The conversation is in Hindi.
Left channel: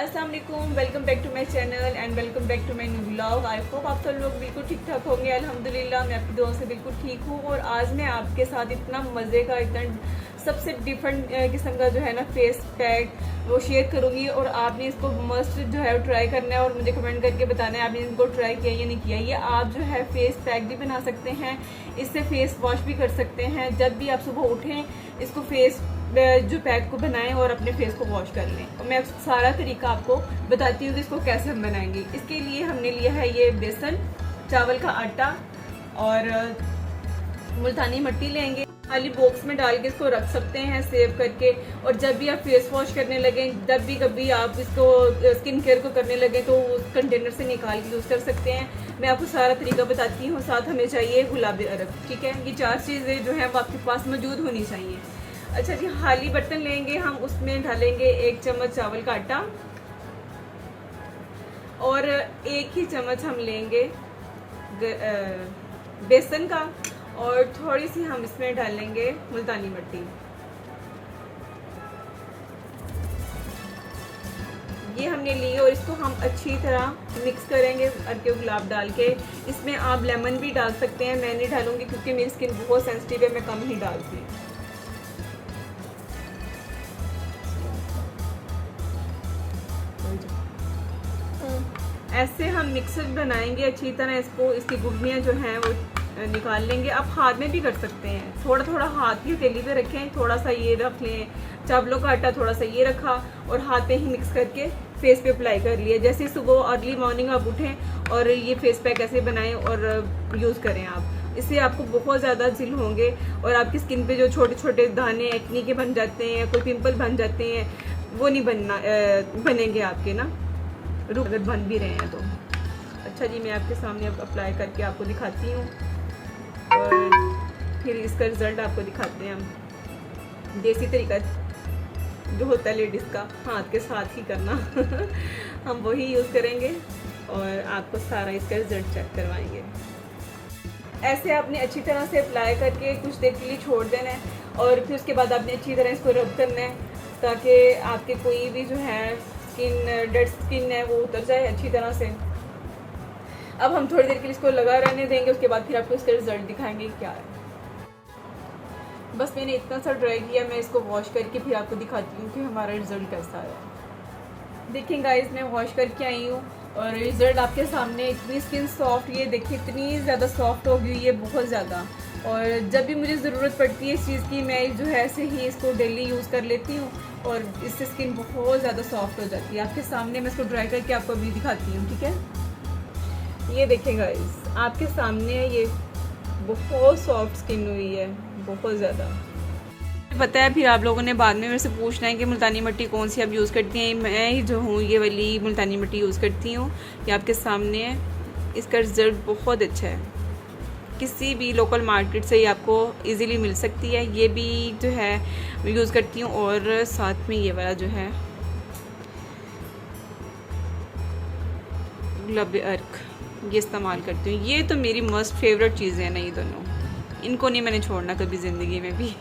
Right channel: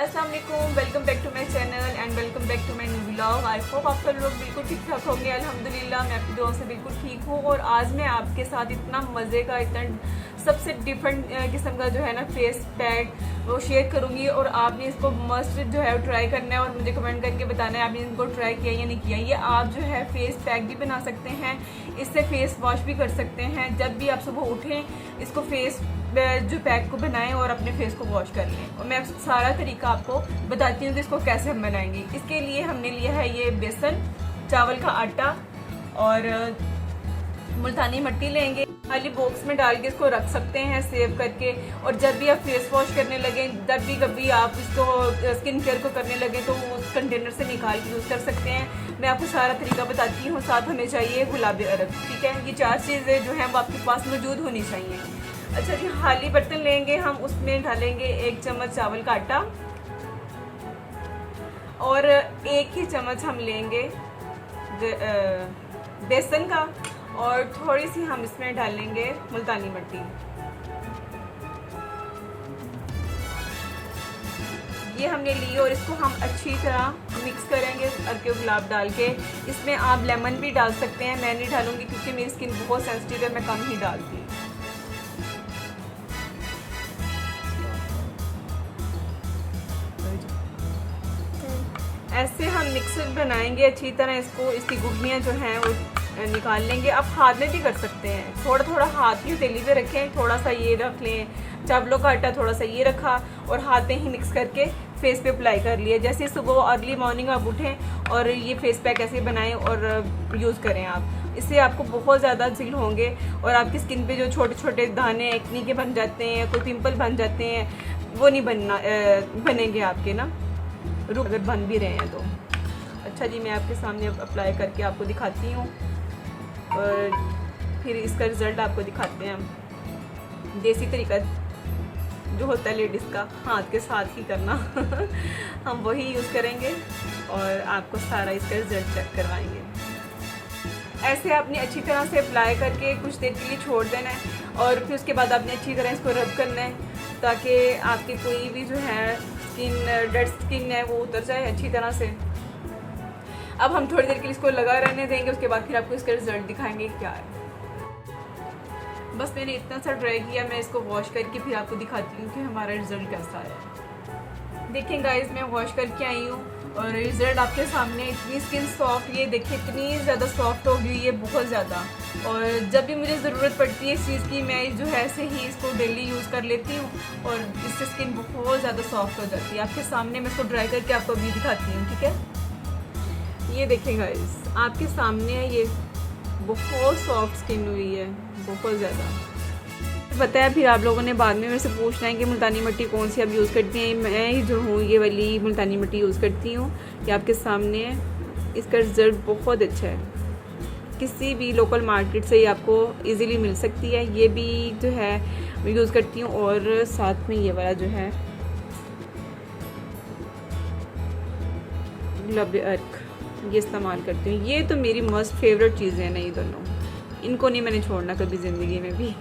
अस्सलाम वालेकुम, welcome back to my channel and welcome back to my new vlog. I hope आप सब लोग बिल्कुल ठीक ठाक होंगे। अल्हम्दुलिल्लाह मैं आपकी दुआ से बिल्कुल ठीक हूँ। और आज मैं आपके साथ इतना मज़े का, इतना सबसे डिफरेंट किस्म का जो है ना फेस पैक वो शेयर करूँगी। और आपने इसको मस्ट जो है ट्राई करना है और मुझे कमेंट करके बताना है आपने इनको ट्राई किया या नहीं किया। ये आप जो है फेस पैक भी बना सकते हैं, इससे फेस वॉश भी कर सकते हैं। जब भी आप सुबह उठें इसको फेस जो पैक को बनाएं और अपने फेस को वॉश कर लें। और मैं सारा तरीका आपको बताती हूँ कि इसको कैसे हम बनाएंगे। इसके लिए हमने लिया है ये बेसन, चावल का आटा और मुल्तानी मिट्टी लेंगे। खाली बॉक्स में डाल के इसको रख सकते हैं सेव करके। और जब भी आप फेस वॉश करने लगें, जब भी कभी आप इसको स्किन केयर को करने लगें तो उस कंटेनर से निकाल के यूज़ कर सकते हैं। मैं आपको सारा तरीका बताती हूँ। साथ हमें चाहिए गुलाबी अरग, ठीक है। ये 4 चीज़ें जो है वो आपके पास मौजूद होनी चाहिए। अच्छा जी, खाली बर्तन लेंगे, हम उसमें डालेंगे 1 चम्मच चावल का आटा और 1 ही चम्मच हम लेंगे बेसन का और थोड़ी सी हम इसमें डालेंगे मुल्तानी मिट्टी। ये हमने ली और इसको हम अच्छी तरह मिक्स करेंगे अदरक गुलाब डाल के। इसमें आप लेमन भी डाल सकते हैं, मैं नहीं डालूंगी क्योंकि मेरी स्किन बहुत सेंसिटिव है, मैं कम ही डालती हूँ। ऐसे हम मिक्सर बनाएंगे अच्छी तरह। इसको इसकी गुठलियाँ जो हैं वो निकाल लेंगे। आप हाथ में भी कर सकते हैं, थोड़ा थोड़ा हाथ की हथेली पे रखें, थोड़ा सा ये रख लें चावलों का आटा, थोड़ा सा ये रखा और हाथ पे ही मिक्स करके फेस पे अप्लाई कर लिए। जैसे सुबह अर्ली मॉर्निंग आप उठें और ये फेस पैक ऐसे बनाएं और यूज़ करें आप। इससे आपको बहुत ज़्यादा जिल होंगे और आपकी स्किन पे जो छोटे छोटे दाने एक्नी के बन जाते हैं, कोई पिंपल बन जाते हैं, वो नहीं बनेंगे आपके ना, अगर बन भी रहे हैं तो। अच्छा जी, मैं आपके सामने अब अप्लाई करके आपको दिखाती हूँ और फिर इसका रिज़ल्ट आपको दिखाते हैं हम। देसी तरीका जो होता है लेडीज़ का, हाथ के साथ ही करना हम वही यूज़ करेंगे और आपको सारा इसका रिज़ल्ट चेक करवाएंगे। ऐसे आपने अच्छी तरह से अप्लाई करके कुछ देर के लिए छोड़ देना है और फिर उसके बाद आपने अच्छी तरह इसको रब करना है ताकि आपके कोई भी जो है डेड स्किन है वो उतर जाए अच्छी तरह से। अब हम थोड़ी देर के लिए इसको लगा रहने देंगे, उसके बाद फिर आपको इसका रिजल्ट दिखाएंगे क्या है। बस मैंने इतना सा ट्राई किया, मैं इसको वॉश करके फिर आपको दिखाती हूँ कि हमारा रिजल्ट कैसा है। देखें गाइस, मैं वॉश करके आई हूँ और रिजल्ट आपके सामने। इतनी स्किन सॉफ्ट, ये देखिए इतनी ज़्यादा सॉफ्ट हो गई है, बहुत ज़्यादा। और जब भी मुझे ज़रूरत पड़ती है इस चीज़ की, मैं जो है ऐसे ही इसको डेली यूज़ कर लेती हूँ और इससे स्किन बहुत ज़्यादा सॉफ्ट हो जाती है। आपके सामने मैं इसको ट्राई करके आपको अभी दिखाती हूँ, ठीक है। ये देखें गाइस, आपके सामने है, ये बहुत सॉफ्ट स्किन हुई है, बहुत ज़्यादा। पता है फिर आप लोगों ने बाद में मेरे से पूछना है कि मुल्तानी मिट्टी कौन सी आप यूज़ करती हैं। मैं ही जो हूँ ये वाली मुल्तानी मिट्टी यूज़ करती हूँ। ये आपके सामने है, इसका रिज़ल्ट बहुत अच्छा है। किसी भी लोकल मार्केट से ये आपको इजीली मिल सकती है। ये भी जो है मैं यूज़ करती हूँ और साथ में ये वाला जो है गुलाबी अर्क, ये इस्तेमाल करती हूँ। ये तो मेरी मस्ट फेवरेट चीज़ें हैं ना, ये दोनों, इनको नहीं मैंने छोड़ना कभी ज़िंदगी में भी